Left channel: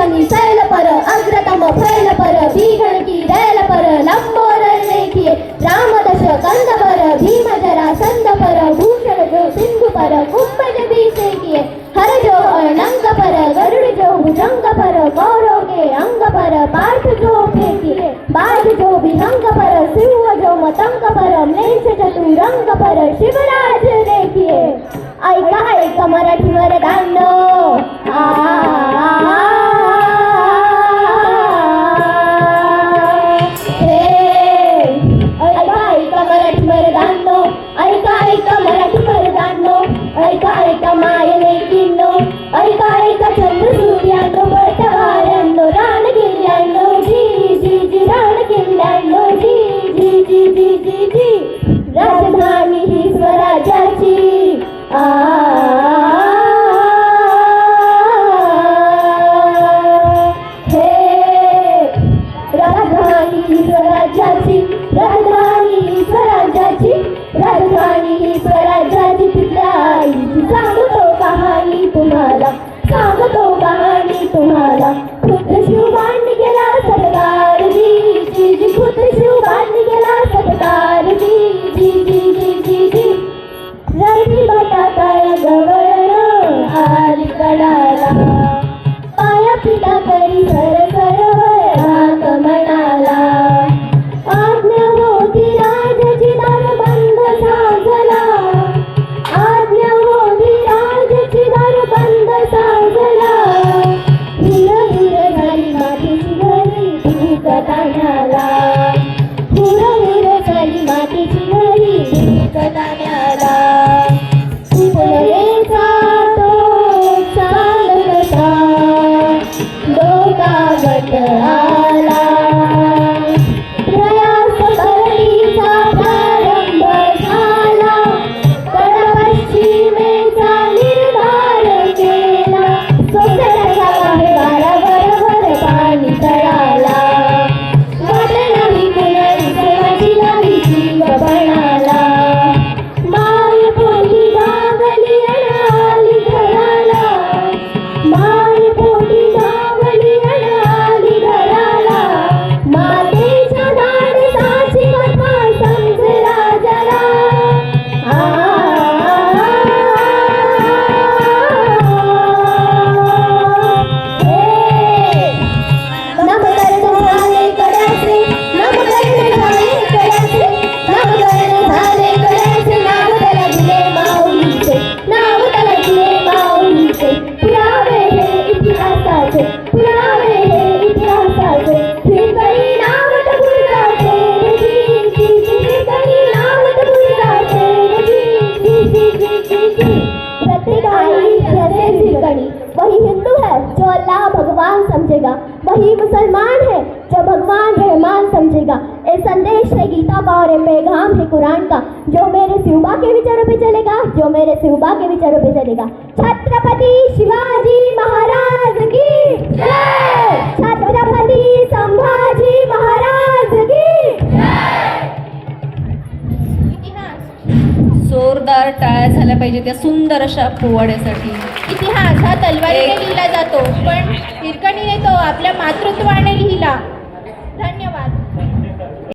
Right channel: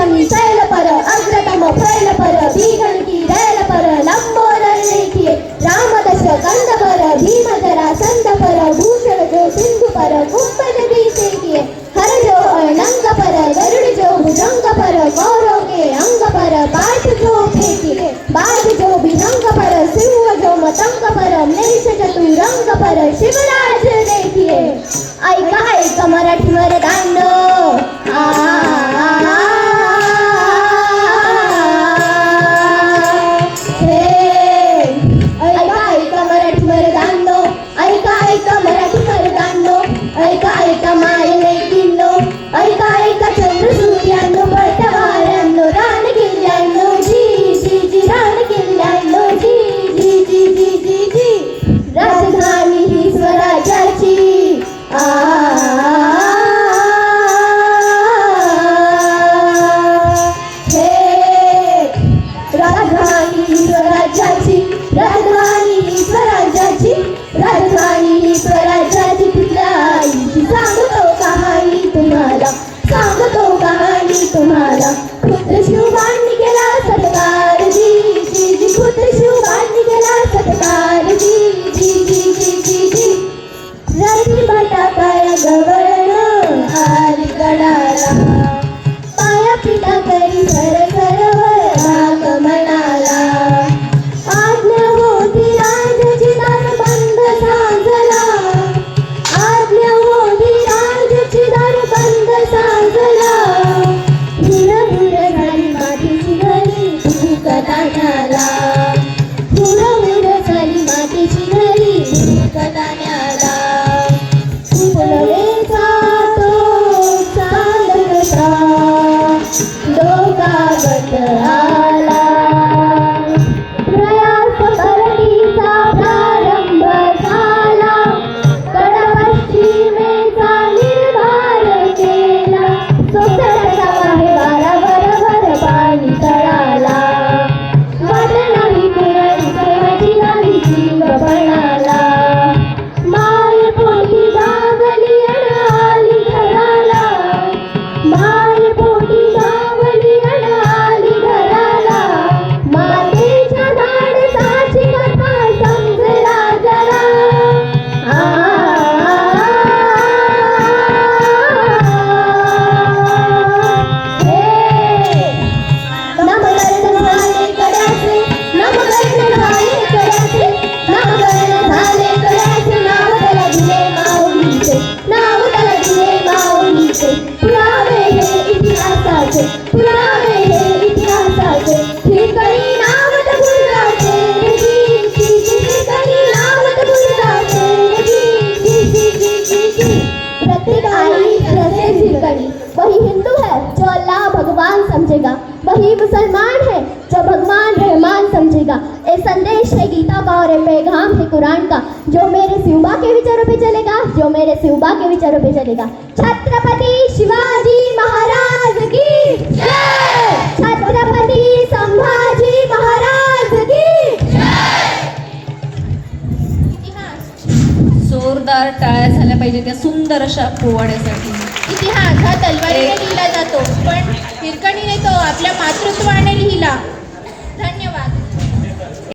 पंचमी सैल पर अग्रतम फैल पर भीगण की रैल पर लंबोदर देखिए राम दश कंद पर भीम जरा संद पर भूषण जो सिंधु पर कुंभज भी सेकिए हर जो अनंग पर गरुड़ जो भुजंग पर कौरव के अंग पर पार्थ जो फेंकिए बाज जो विहंग पर सिंह जो मतंग पर महेश चतुरंग पर शिवराज देखिए ऐका ऐका मराठी वरदान वही मुसलमान है जो भगवान रहमान समझेगा। ये संदेश है गीता का और ये पैगाम है कुरान का, जो मेरे शिवबा के विचारों पे चलेगा, जो मेरे शिवबा के विचारों पे चलेगा। छत्रपति शिवाजी महाराज की जय, छत्रपति संभाजी महाराज की जय। जोरदार टाळ्या झाल्या पाहिजे त्या सुंदर अशा पोवाड्यासाठी। इतिहास हा तलवारीने लिहिला जातो, पण